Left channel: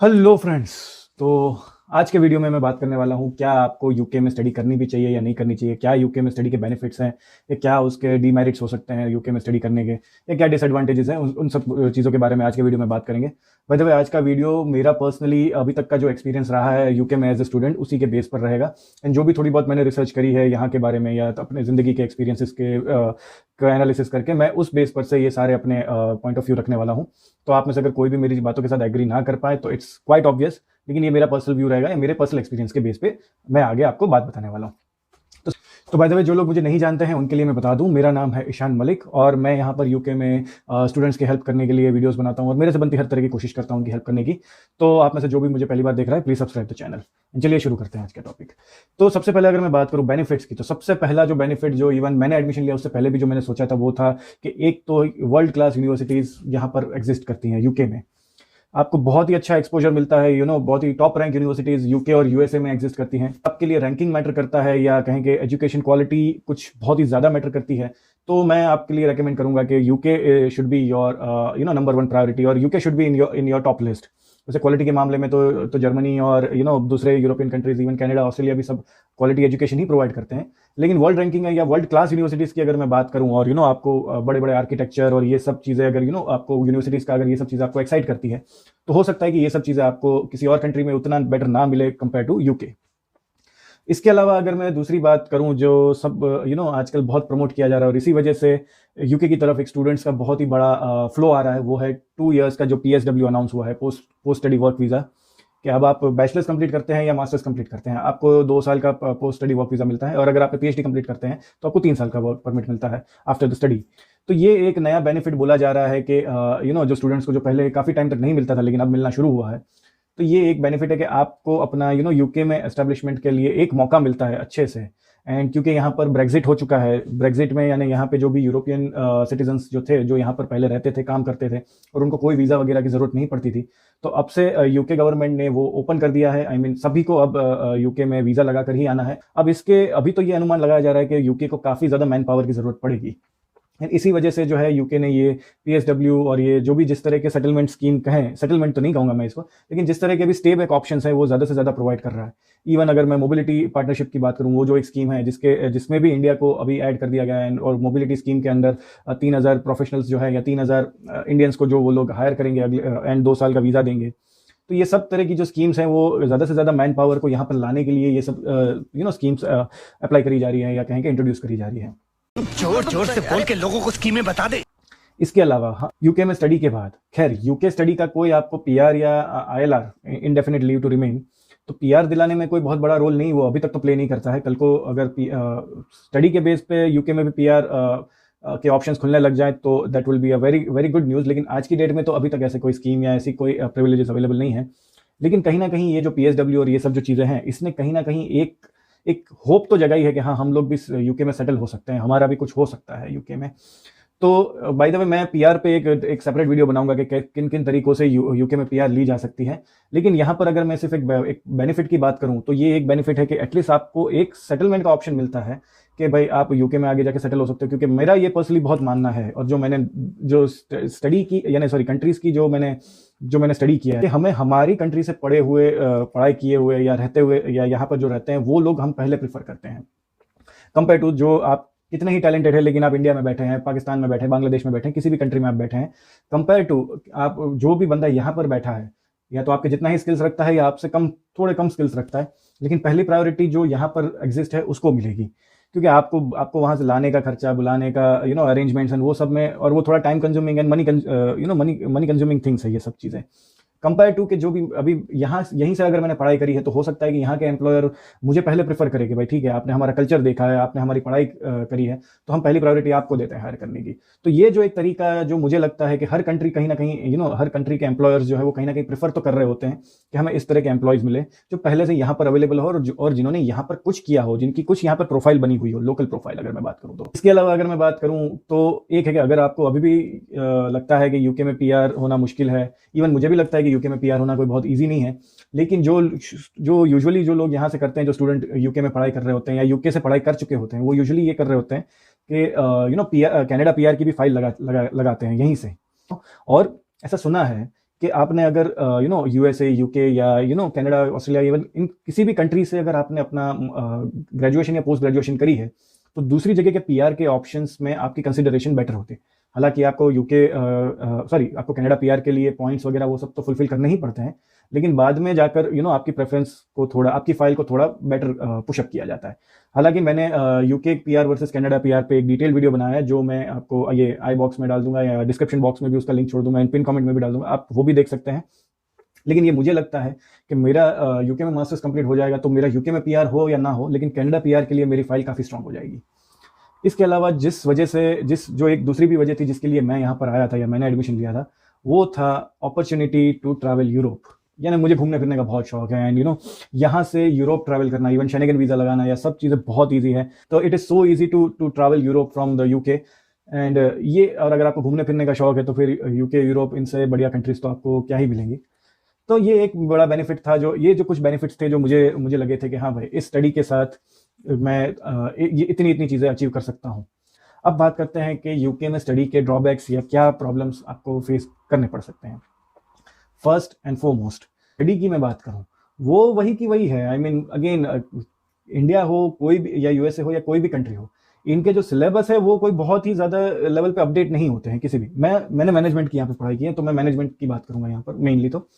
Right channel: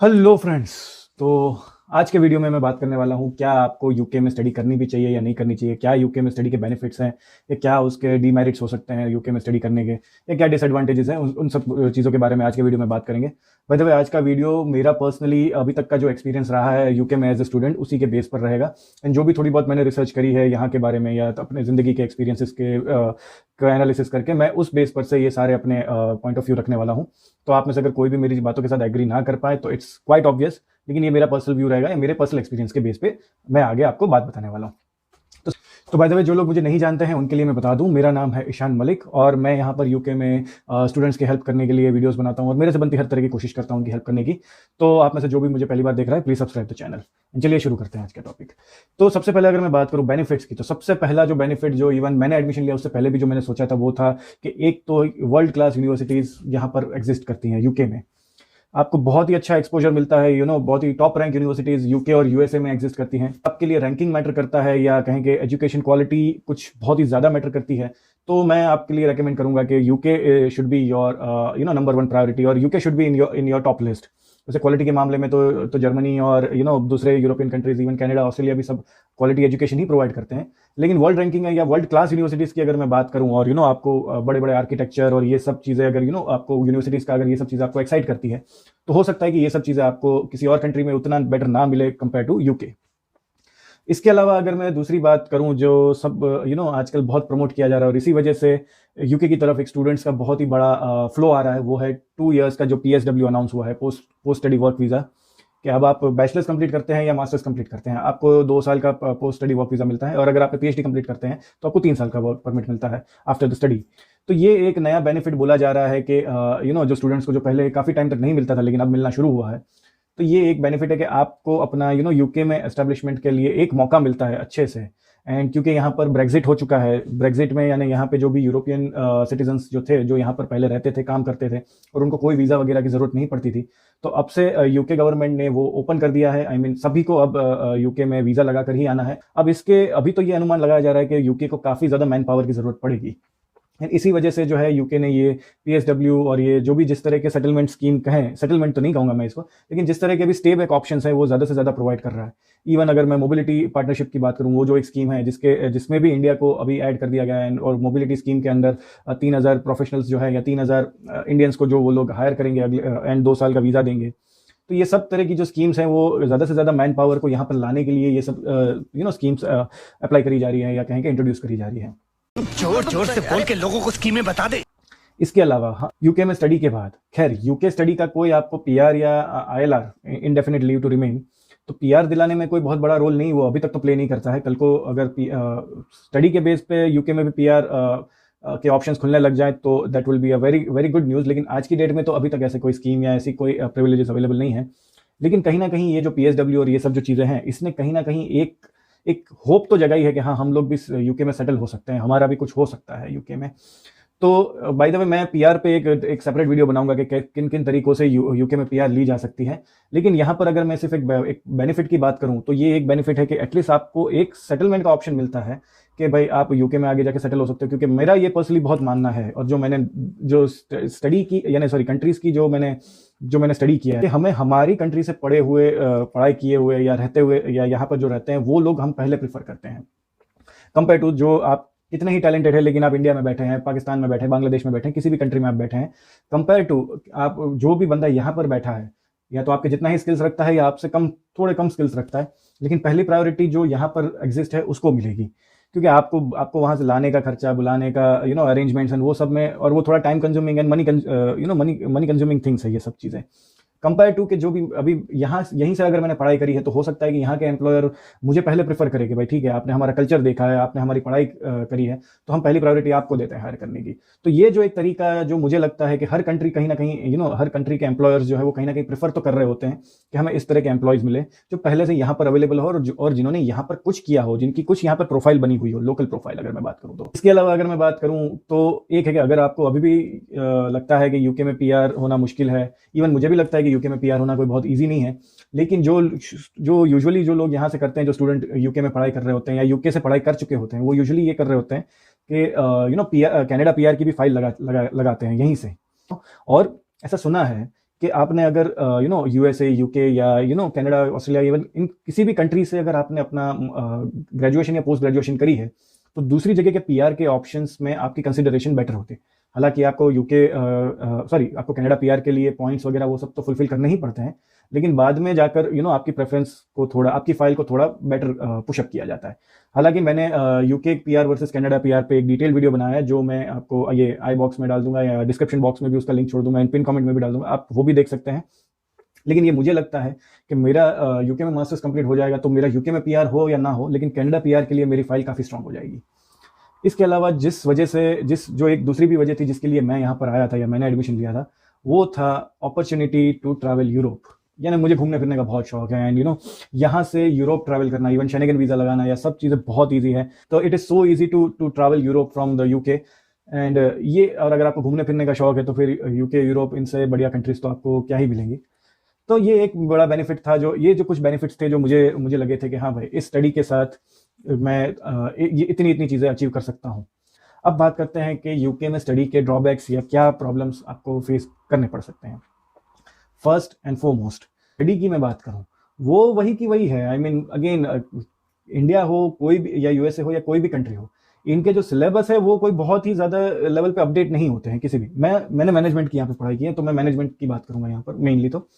Hello friends. तो आज के वीडियो में मैं बात करने वाला हूँ, क्या आपको यूके में स्टडी करनी भी चाहिए या नहीं करनी चाहिए, क्या यूके में स्टडी के बेनिफिट्स हैं या क्या उसके डीमेरिट्स हो सकते हैं यूके में स्टडी करने के, या क्या डिसएडवांटेजेस हैं, उन सब चीज़ों के बारे में आज की वीडियो में बात करेंगे। बाय द वे, आज का वीडियो मेरा पर्सनली अभी तक का जो एक्सपीरियंस रहा है यूके में एज ए स्टूडेंट, उसी के बेस पर रहेगा। एंड जो भी थोड़ी बहुत मैंने रिसर्च करी है यहाँ के बारे में या अपने ज़िंदगी के एक्सपीरियंसेस के का एनालिसिस करके, मैं उस बेस पर से ये सारे अपने पॉइंट ऑफ व्यू रखने वाला हूँ। तो आप में से अगर कोई भी मेरी बातों के साथ एग्री ना कर पाए तो इट्स क्वाइट ऑब्वियस, लेकिन ये मेरा पर्सनल व्यू रहेगा, या मेरे पर्सनल एक्सपीरियंस के बेस पे मैं आगे आपको बात बताने वाला हूँ। तो बाय द वे, जो लोग मुझे नहीं जानते हैं उनके लिए मैं बता दूं, मेरा नाम है ईशान मलिक और मैं यहाँ पर यूके में स्टूडेंट्स की हेल्प करने के लिए वीडियोस बनाता हूँ और मेरे से बनती हर तरह की कोशिश करता हूँ उनकी हेल्प करने की। तो आप में से जो भी मुझे पहली बार देख रहा है, प्लीज सब्सक्राइब द चैनल। चलिए शुरू करते हैं आज का टॉपिक। तो सबसे पहले अगर मैं बात करूं बेनिफिट्स की, तो सबसे पहला जो बेनिफिट, जो इवन मैंने एडमिशन लिया उससे पहले भी जो मैंने सोचा था, वो था कि एक तो वर्ल्ड क्लास यूनिवर्सिटीज यहाँ पर एग्जिस्ट करती हैं यूके में। आपको बहुत ही अच्छा एक्सपोजर मिलता है, बहुत ही टॉप रैंक यूनिवर्सिटीज यूके और यूएसए में एग्जिस्ट करती है। आपके लिए रैंकिंग मैटर करता है या कहेंगे एजुकेशन क्वालिटी कुछ बहुत ही ज़्यादा मैटर करती है, तो मैं आपके लिए रेकमेंड करूंगा कि UK should be your number one priority, और UK should be in your top list. जैसे क्वालिटी के मामले में तो जर्मनी और दूसरे European countries, even Canada, Australia भी सब क्वालिटी एजुकेशन ही प्रोवाइड करते हैं। लेकिन वर्ल्ड रैंकिंग है या वर्ल्ड क्लास यूनिवर्सिटीज़ की अगर मैं बात करूं, और आपको बड़े बड़े आर्किटेक्चर और ये सब चीज़ें अगर आपको यूनिवर्सिटीज़ का अगर ये सब चीज़ें आपको एक्साइट करती है, तो हो सकता है कि ये सब चीज़ें आपको किसी और कंट्री में उतना बेटर ना मिले कंपेयर टू यूके। इसके अलावा अगर मैं दूसरी बात करूं, जो सब आजकल बहुत प्रमोट किया जा रहा है और इसी वजह से यूके की तरफ एक स्टूडेंट्स का बहुत ही बड़ा फ्लो आ रहा है, वो है 2 इयर्स का जो पीएसडब्ल्यू अनाउंस हुआ है, पोस्ट स्टडी वर्क वीज़ा। कि अब आप बैचलर्स कंप्लीट करते हैं या मास्टर्स कंप्लीट करते हैं, आपको 2 साल का पोस्ट स्टडी वर्क वीज़ा मिलता है, और अगर आप पीएचडी कंप्लीट करते हैं तो आपको 3 साल का वर्क परमिट मिलता है आफ्टर द स्टडी। तो ये एक नया बेनिफिट बोला जा रहा है कि जो स्टूडेंट्स को जो पहले काफ़ी टाइम तक नहीं मिलता था लेकिन अब मिलना शुरू हुआ है। तो ये एक बेनिफिट है कि आपको अपना यूके में एस्टेब्लिशमेंट के लिए एक मौका मिलता है अच्छे से। एंड क्योंकि यहाँ पर ब्रेग्जिट हो चुका है, ब्रेग्जिट में यानी यहाँ पे जो भी यूरोपियन सिटीजन्स जो थे, जो यहाँ पर पहले रहते थे, काम करते थे, और उनको कोई वीज़ा वगैरह की ज़रूरत नहीं पड़ती थी, तो अब से यूके गवर्नमेंट ने वो ओपन कर दिया है। आई मीन सभी को अब यूके में वीज़ा लगा कर ही आना है। अब इसके अभी तो ये अनुमान लगाया जा रहा है कि यूके को काफ़ी ज़्यादा मैन पावर की ज़रूरत पड़ेगी। इसी वजह से जो है यूके ने ये पीएसडब्ल्यू और ये जो भी जिस तरह के सेटलमेंट स्कीम कहें, सेटलमेंट तो नहीं कहूंगा मैं इसको, लेकिन जिस तरह के भी स्टे बैक ऑप्शन है वो ज्यादा से ज्यादा प्रोवाइड कर रहा है। इवन अगर मैं मोबिलिटी पार्टनरशिप की बात करूं, वो जो एक स्कीम है जिसमें भी इंडिया को अभी ऐड कर दिया गया है, और मोबिलिटी स्कीम के अंदर 3,000 प्रोफेशनल्स जो है या 3,000 इंडियंस को जो वो लोग हायर करेंगे अगले एंड 2 साल का वीजा देंगे। तो ये सब तरह की जो स्कीम्स हैं वो ज्यादा से ज्यादा मैन पावर को यहाँ पर लाने के लिए ये सब स्कीम्स अप्लाई करी जा रही है या कहें कि इंट्रोड्यूस करी जा रही है। जोर जोर से बोल के लोगों को स्कीमें बता दे। इसके अलावा यूके में स्टडी के बाद, खैर यूके स्टडी का कोई आपको पीआर या ILR, indefinite leave to remain, तो पीआर दिलाने में कोई बहुत बड़ा रोल नहीं, वो अभी तक तो प्ले नहीं करता है। कल को अगर स्टडी के बेस पे यूके में भी पीआर के ऑप्शंस खुलने लग जाए तो that will be a very very good news. लेकिन आज की डेट में तो अभी तक ऐसे कोई स्कीम या ऐसी कोई प्रिविलेजेस अवेलेबल नहीं है। लेकिन कहीं ना कहीं ये जो पीएसडब्ल्यू और ये सब जो चीज़ें हैं, इसने कहीं ना कहीं एक एक होप तो जगाई है कि हाँ, हम लोग भी यूके में सेटल हो सकते हैं, हमारा भी कुछ हो सकता है यूके में। तो बाय द वे, मैं पीआर पे एक सेपरेट वीडियो बनाऊंगा कि किन किन तरीकों से यूके में पीआर ली जा सकती है। लेकिन यहाँ पर अगर मैं सिर्फ एक बेनिफिट की बात करूँ, तो ये एक बेनिफिट है कि एटलीस्ट आपको एक सेटलमेंट का ऑप्शन मिलता है कि भाई आप यूके में आगे जाकर सेटल हो सकते हो। क्योंकि मेरा ये पर्सनली बहुत मानना है, और जो स्टडी की यानी सॉरी कंट्रीज की जो मैंने स्टडी किया है, कि हमें हमारी कंट्री से पढ़े हुए, पढ़ाई किए हुए या रहते हुए या यहाँ पर जो रहते हैं, वो लोग हम पहले प्रेफर करते हैं कंपेयर टू जो आप कितने ही टैलेंटेड है लेकिन आप इंडिया में बैठे हैं, पाकिस्तान में बैठे हैं, बांग्लादेश में बैठे हैं, किसी भी कंट्री में आप बैठे हैं, कंपेयर टू आप जो भी बंदा यहाँ पर बैठा है, या तो आपके जितना ही स्किल्स रखता है या आपसे थोड़े कम स्किल्स रखता है, लेकिन पहली प्रायोरिटी जो यहाँ पर एग्जिस्ट है उसको मिलेगी। क्योंकि आपको आपको वहां से लाने का खर्चा, बुलाने का अरेंजमेंट्स एंड वो सब में, और वो थोड़ा time consuming and money consuming things है ये सब चीज़ें, कंपेयर टू कि जो भी अभी यहाँ यहीं से अगर मैंने पढ़ाई करी है, तो हो सकता है कि यहाँ के एम्प्लॉयर मुझे पहले प्रेफर करे कि भाई ठीक है, आपने हमारा कल्चर देखा है, आपने हमारी पढ़ाई करी है, तो हम पहली प्रायोरिटी आपको देते हैं हायर करने की। तो ये जो एक तरीका है, जो मुझे लगता है कि हर कंट्री कहीं ना कहीं हर कंट्री के एम्प्लॉयर्स जो है वो कहीं ना कहीं प्रेफर तो कर रहे होते हैं कि हमें इस तरह के एम्प्लॉयज मिले जो पहले से यहाँ पर अवेलेबल हो, और जिन्होंने यहाँ पर कुछ किया हो, जिनकी कुछ यहाँ पर प्रोफाइल बनी हुई हो, लोकल प्रोफाइल अगर मैं बात करूँ तो। इसके अलावा अगर मैं बात करूँ तो एक है कि अगर आपको अभी भी लगता है कि यूके में पीआर होना मुश्किल है, इवन मुझे भी लगता है कि यूके में पीआर होना कोई बहुत ईजी नहीं है, लेकिन जो जो यूजुअली जो लोग यहाँ से करते हैं, जो स्टूडेंट यूके में पढ़ाई कर रहे होते हैं या यूके से पढ़ाई कर चुके होते हैं, वो यूजुअली ये कर रहे होते हैं कि पीआर, कनाडा पीआर की भी फाइल लगाते हैं यहीं से। और ऐसा सुना है कि आपने अगर यूएसए, यूके या कनाडा, ऑस्ट्रेलिया, इवन इन किसी भी कंट्री से अगर आपने अपना ग्रेजुएशन या पोस्ट ग्रेजुएशन करी है, तो दूसरी जगह के पीआर के ऑप्शंस में आपकी कंसिडरेशन बेटर होते हैं। हालांकि आपको आपको कनाडा पीआर के लिए पॉइंट्स वगैरह वो सब तो फुलफिल करने ही पड़ते हैं, लेकिन बाद में जाकर आपकी प्रेफरेंस को थोड़ा, आपकी फाइल को थोड़ा बेटर पुशअप किया जाता है। हालांकि मैंने UK PR versus Canada PR पे एक डिटेल वीडियो बनाया है, जो मैं आपको ये आई बॉक्स में डाल दूंगा या डिस्क्रिप्शन बॉक्स में भी उसका लिंक छोड़ दूंगा, एंड पिन कमेंट में भी डाल दूंगा, आप वो भी देख सकते हैं। लेकिन ये मुझे लगता है कि मेरा यूके में मास्टर्स कंप्लीट हो जाएगा तो मेरा यूके में पीआर हो या ना हो, लेकिन कनाडा पीआर के लिए मेरी फाइल काफी स्ट्रांग हो जाएगी। इसके अलावा जिस वजह से जो एक दूसरी भी वजह थी जिसके लिए मैं यहाँ पर आया था या मैंने एडमिशन लिया था, वो था अपॉर्चुनिटी टू ट्रैवल यूरोप। यानी मुझे घूमने फिरने का बहुत शौक है, एंड यहाँ से यूरोप ट्रैवल करना, इवन शेंगन वीजा लगाना, या सब चीज़ें बहुत ईजी है। तो it is so easy to travel Europe from the UK. And और अगर आपको घूमने फिरने का शौक है तो फिर यूके, यूरोप, इनसे बढ़िया कंट्रीज तो आपको क्या ही मिलेंगी। तो ये एक बड़ा बेनिफिट था, जो कुछ बेनिफिट्स थे जो मुझे लगे थे कि हाँ भाई, इस स्टडी के साथ मैं ये इतनी चीज़ें अचीव कर सकता हूँ। अब बात करते हैं कि यूके में स्टडी के ड्रॉबैक्स या क्या प्रॉब्लम्स आपको फेस करने पड़ सकते हैं। फर्स्ट एंड फॉरमोस्ट, स्टडी की मैं बात करूँ, वो वही की वही है। आई मीन अगेन, इंडिया हो कोई भी, या यूएसए हो या कोई भी कंट्री हो, इनके जो सिलेबस है वो कोई बहुत ही ज़्यादा लेवल पे अपडेट नहीं होते हैं किसी भी। मैंने मैनेजमेंट की यहाँ पे पढ़ाई की है, तो मैं मैनेजमेंट की बात करूंगा यहाँ पर मेनली। तो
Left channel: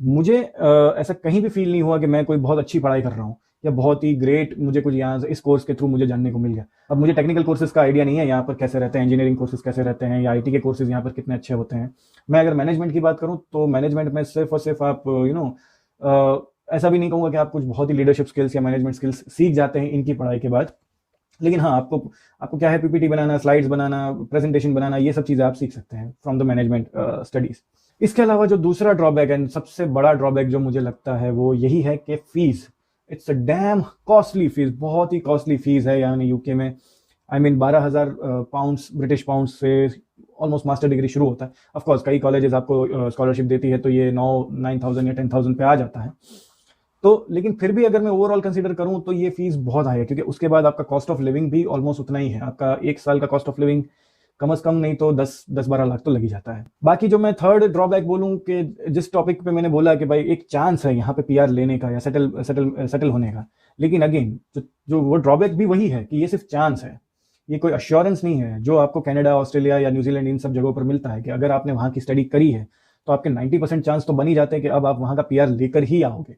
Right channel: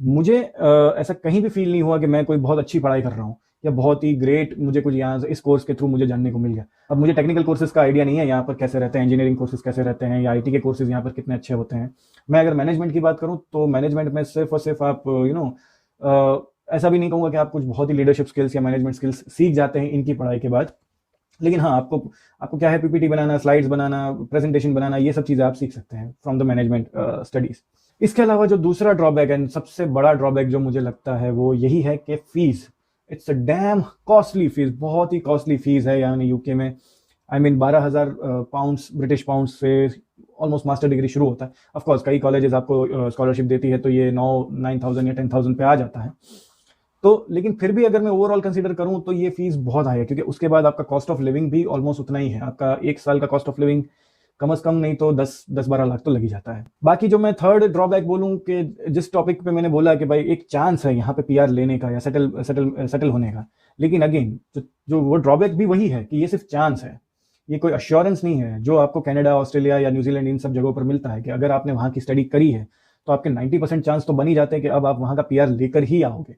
मुझे ऐसे कहीं भी फील नहीं हुआ कि मैं कोई बहुत अच्छी पढ़ाई कर रहा हूँ या बहुत ही ग्रेट मुझे कुछ यहाँ इस कोर्स के थ्रू मुझे जानने को मिल गया। अब मुझे टेक्निकल कोर्सेज का आइडिया नहीं है यहाँ पर कैसे रहते हैं, इंजीनियरिंग कोर्सेज कैसे रहते हैं, या आईटी के कोर्सेज यहाँ पर कितने अच्छे होते हैं। मैं अगर मैनेजमेंट की बात करूँ तो मैनेजमेंट में सिर्फ और सिर्फ आप ऐसा भी नहीं कहूँगा कि आप कुछ बहुत ही लीडरशिप स्किल्स या मैनेजमेंट स्किल्स सीख जाते हैं इनकी पढ़ाई के बाद। लेकिन हाँ, आपको क्या है, पीपीटी बनाना, स्लाइड्स बनाना, प्रेजेंटेशन बनाना, ये सब चीज़ें आप सीख सकते हैं फ्रॉम द मैनेजमेंट स्टडीज। इसके अलावा जो दूसरा ड्रॉबैक है, सबसे बड़ा ड्रॉबैक जो मुझे लगता है वो यही है कि fees. It's a dam costly fees, बहुत ही कॉस्टली फीस है यानी यूके में। I mean 12,000 pounds, British pound से ऑलमोस्ट मास्टर डिग्री शुरू होता है। ऑफकोर्स कई कॉलेजेस आपको स्कॉलरशिप देती है तो ये 9,000 या 10,000 पे आ जाता है। तो लेकिन फिर भी अगर मैं ओवरऑल कंसीडर करूं तो ये फीस बहुत हाई है, क्योंकि उसके बाद आपका कॉस्ट ऑफ लिविंग भी ऑलमोस्ट उतना ही है। आपका एक साल का कॉस्ट ऑफ लिविंग कम से कम नहीं तो 10-12 लाख तो लग ही जाता है। बाकी जो मैं थर्ड ड्रॉबैक बोलूं कि जिस टॉपिक पे मैंने बोला कि भाई एक चांस है यहाँ पे पीआर लेने का या सेटल होने का, लेकिन अगेन जो वो ड्रॉबैक भी वही है कि ये सिर्फ चांस है, ये कोई अश्योरेंस नहीं है जो आपको कनाडा, ऑस्ट्रेलिया या न्यूजीलैंड इन सब जगहों पर मिलता है कि अगर आपने वहाँ की स्टडी करी है तो आपके 90% चांस तो बन ही जाते हैं कि अब आप वहाँ का पीआर लेकर ही आओगे।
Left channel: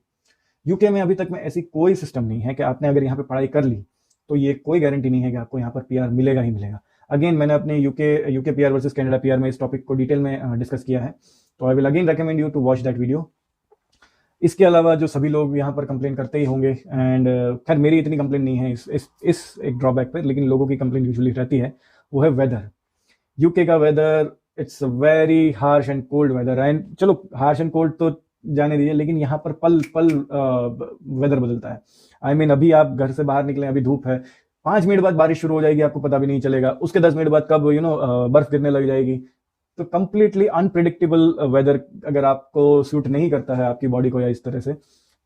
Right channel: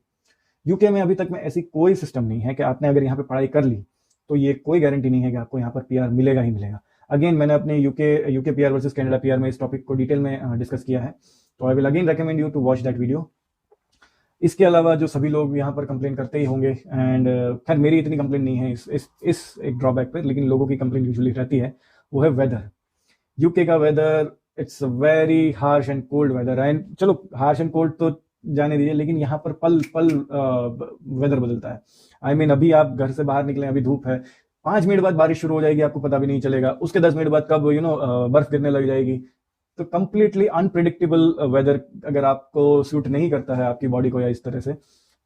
यूके में अभी तक में ऐसी कोई सिस्टम नहीं है कि आपने अगर यहाँ पे पढ़ाई कर ली तो ये कोई गारंटी नहीं है कि आपको यहाँ पर पीआर मिलेगा ही मिलेगा। अगेन मैंने अपने UK PR versus Canada PR में इस टॉपिक को डिटेल में डिस्कस किया है, तो I will again recommend you to watch that video. इसके अलावा जो सभी लोग यहाँ पर कंप्लेन करते ही होंगे, एंड खैर मेरी इतनी कंप्लेन नहीं है इस एक ड्रॉबैक पे, लेकिन लोगों की कंप्लेन यूजुअली रहती है, वो है वेदर। यूके का weather, it's very harsh and cold weather. And चलो हार्श एंड कोल्ड तो जाने दीजिए, लेकिन यहाँ पर पल पल वेदर बदलता है। आई मीन अभी आप घर से बाहर निकले, अभी धूप है, 5 मिनट बाद बारिश शुरू हो जाएगी, आपको पता भी नहीं चलेगा। उसके 10 मिनट बाद कब बर्फ गिरने लग जाएगी। तो कंप्लीटली अनप्रिडिक्टेबल वेदर अगर आपको सूट नहीं करता है आपकी बॉडी को या इस तरह से,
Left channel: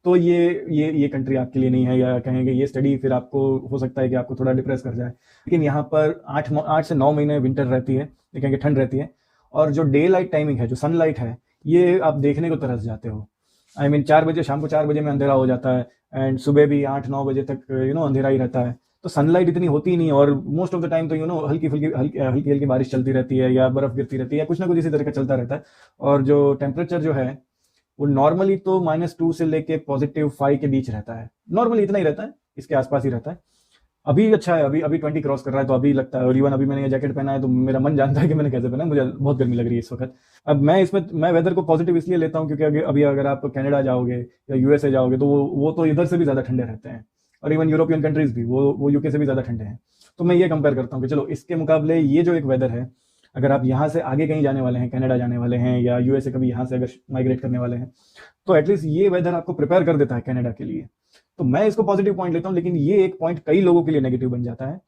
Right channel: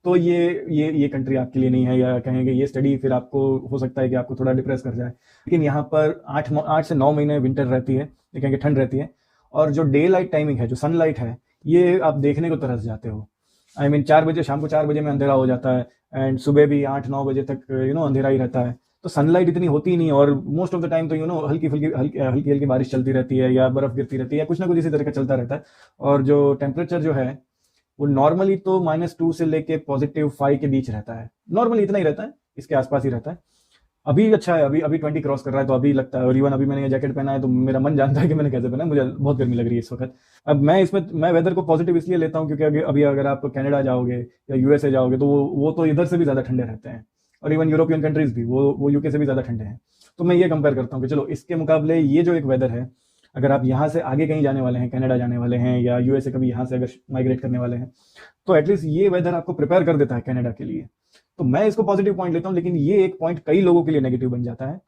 तो ये कंट्री आपके लिए नहीं है, या कहेंगे ये स्टडी फिर आपको हो सकता है कि आपको थोड़ा डिप्रेस कर जाए। लेकिन यहाँ पर 8 से 9 महीने विंटर रहती है, कहेंगे ठंड रहती है, और जो डे लाइट टाइमिंग है, जो सनलाइट है, ये आप देखने को तरस जाते हो। आई मीन 4 बजे, शाम को 4 बजे में अंधेरा हो जाता है, एंड सुबह भी 8-9 बजे तक अंधेरा ही रहता है। तो सनलाइट इतनी होती ही नहीं, और मोस्ट ऑफ द टाइम तो हल्की हल्की बारिश चलती रहती है, या बर्फ गिरती रहती है, कुछ ना कुछ इसी तरह का चलता रहता है। और जो टेम्परेचर जो है वो नॉर्मली तो -2 से लेके +5 के बीच रहता है। नॉर्मली इतना ही रहता है, इसके आसपास ही रहता है। अभी अच्छा है, अभी 20 क्रॉस कर रहा है, तो अभी लगता है। और इवन अभी मैंने ये जैकेट पहना है तो मेरा मन जानता है कि मैंने कैसे पहना, मुझे बहुत गर्मी लग रही है इस वक्त। अब मैं वेदर को पॉजिटिव इसलिए लेता हूँ क्योंकि अभी अगर आप कनाडा जाओगे या यूएसए जाओगे तो वो तो इधर से भी ज़्यादा ठंडे रहते हैं, और इवन यूरोपियन कंट्रीज भी वो यूके से भी ज़्यादा ठंडे हैं। तो मैं ये कंपेयर करता हूँ कि चलो इसके मुकाबले ये जो एक वेदर है, अगर आप यहाँ से आगे कहीं जाने वाले हैं, कनाडा जाने वाले हैं या यूएसए कभी यहाँ से अगर माइग्रेट करने वाले हैं, तो एटलीस्ट ये वेदर आपको प्रिपेयर कर देता है कनाडा के लिए। तो मैं इसको पॉजिटिव पॉइंट लेता हूँ, लेकिन ये एक पॉइंट कई लोगों के लिए नेगेटिव बन जाता है,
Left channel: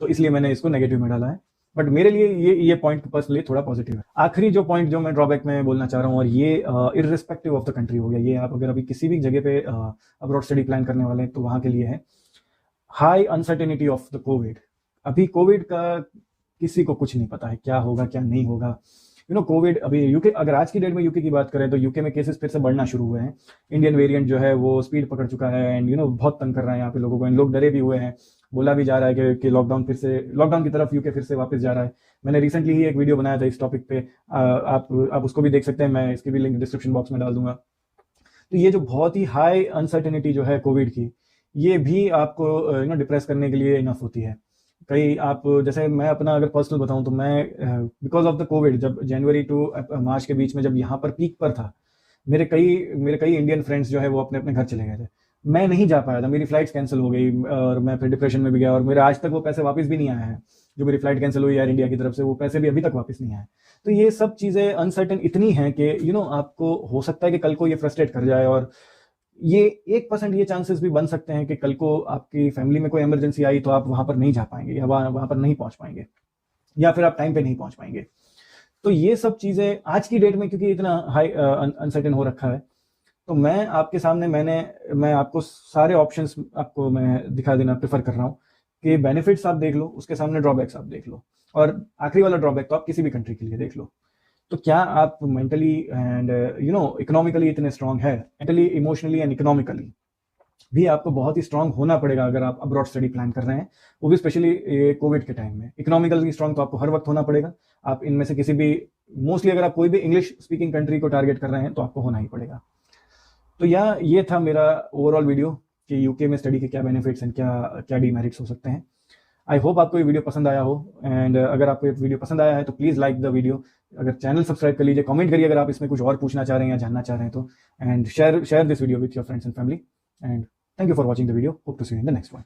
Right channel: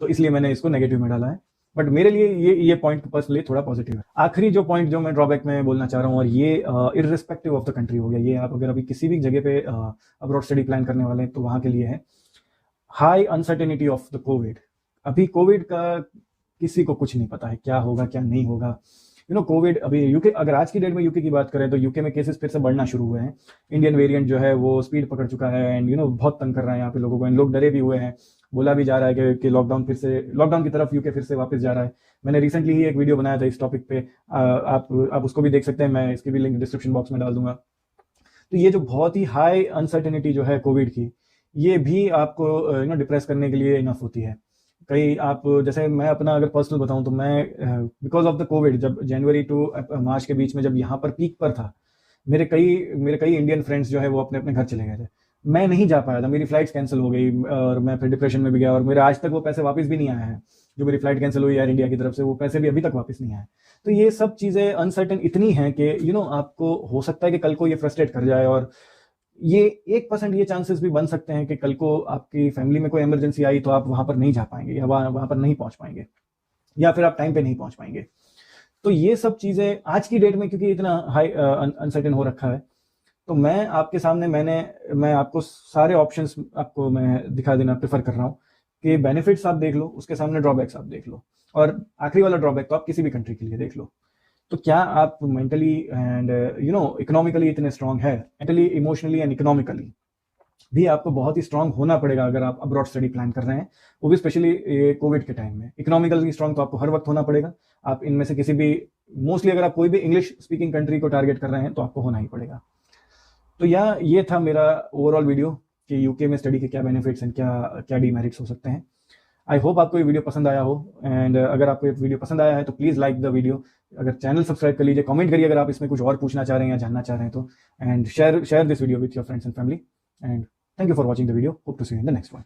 तो इसलिए मैंने इसको नेगेटिव में डाला है। बट मेरे लिए ये पॉइंट पर्सनली थोड़ा पॉजिटिव है। आखिरी जो पॉइंट जो मैं ड्रॉबैक में बोलना चाह रहा हूँ, और ये इररिस्पेक्टिव ऑफ द कंट्री हो गया, ये आप अगर अभी किसी भी जगह पे अब्रॉड स्टडी प्लान करने वाले हैं तो वहाँ के लिए है high uncertainty of the Covid. अभी कोविड का किसी को कुछ नहीं पता है, क्या होगा क्या नहीं होगा। कोविड अभी यूके, अगर आज की डेट में यूके की बात करें तो यूके में केसेस फिर से बढ़ना शुरू हुए हैं। इंडियन वेरिएंट जो है वो स्पीड पकड़ चुका है एंड बहुत तंग कर रहा है यहाँ पे लोगों को। इन लोग डरे भी हुए हैं, बोला भी जा रहा है कि लॉकडाउन की तरफ यूके फिर से वापस जा रहा है। मैंने रिसेंटली ही एक वीडियो बनाया था इस टॉपिक पे, आप उसको भी देख सकते हैं, मैं इसकी भी लिंक डिस्क्रिप्शन बॉक्स में डाल दूंगा। तो ये जो बहुत ही हाई अनसर्टेनिटी जो है कोविड की, ये भी आपको डिप्रेस करने के लिए इनफ होती है। कई आप, जैसे मैं अपना अगर पर्सनल बताऊं तो मैं बिकॉज ऑफ द कोविड, जब जनवरी टू मार्च के बीच में जब यहाँ पर पीक पर था, मेरे कई इंडियन फ्रेंड्स जो है वो अपने अपने घर चले गए थे। मैं नहीं जा पाया था, मेरी फ्लाइट कैंसिल हो गई और मैं फिर डिप्रेशन में भी गया और मेरे आज तक वो पैसे वापस भी नहीं आए हैं। जो मेरी फ्लाइट कैंसिल हुई एयर इंडिया की तरफ से, वो पैसे भी अभी तक वापस नहीं आए। तो ये सब चीज़ें अनसर्टन इतनी हैं कि आपको हो सकता है कि कल को ये फ्रस्ट्रेट कर जाए, और ये 1% ये चांसेस भी बन सकते हैं कि कल को आपके फैमिली में कोई इमरजेंसी आई तो आप नहीं जा पाएंगे, वहाँ पर नहीं पहुंच पाएंगे, या फिर आप टाइम पे नहीं पहुंच पाएंगे। तो ये सब चीज़ें आज की डेट में क्योंकि इतना हाई अनसर्टेन हो रखा है, तो मैं आपके सामने मैं आपको सारे ऑप्शंस आपको मैं दिखा देना प्रेफर कर रहा हूँ कि बेनिफिट्स आप देख लो, उसके सामने ड्रॉबैक्स आप देख लो, और आखिरी वाला ड्रॉबैक तो आप किसी भी कंट्री के लिए देख लो। तो क्या आप मेंटली एंड इकोनॉमिकली इतने स्ट्रांग हैं? मेंटली, इमोशनली एंड इकोनॉमिकली भी आपको बहुत ही स्ट्रांग होना पड़ेगा अगर आप अब्रॉड स्टडी प्लान कर रहे हैं, वो भी स्पेशली कोविड के टाइम में। इकोनॉमिकली स्ट्रांग तो आपको हर वक्त होना पड़ेगा। आप इनमें से किसी भी, मोस्टली अगर आप कोई भी इंग्लिश स्पीकिंग कंट्री को टारगेट कर रहे हैं तो आपको होना ही पड़ेगा। तो ये था मेरा ओवरऑल वीडियो कि यूके में स्टडी के क्या बेनिफिट्स हैं, क्या क्या डीमेरिट्स हो सकते हैं। आई होप आपको ये वीडियो पसंद आया हो, एंड अगर आपको ये वीडियो पसंद आया है तो प्लीज़ लाइक द वीडियो। अगर चैनल सब्सक्राइब कर लीजिए, कमेंट करिए अगर आप इसमें कुछ और पूछना चाह रहे हैं या जानना चाह रहे हैं तो, and share this video with your friends and family, and thank you for watching the video. Hope to see you in the next one.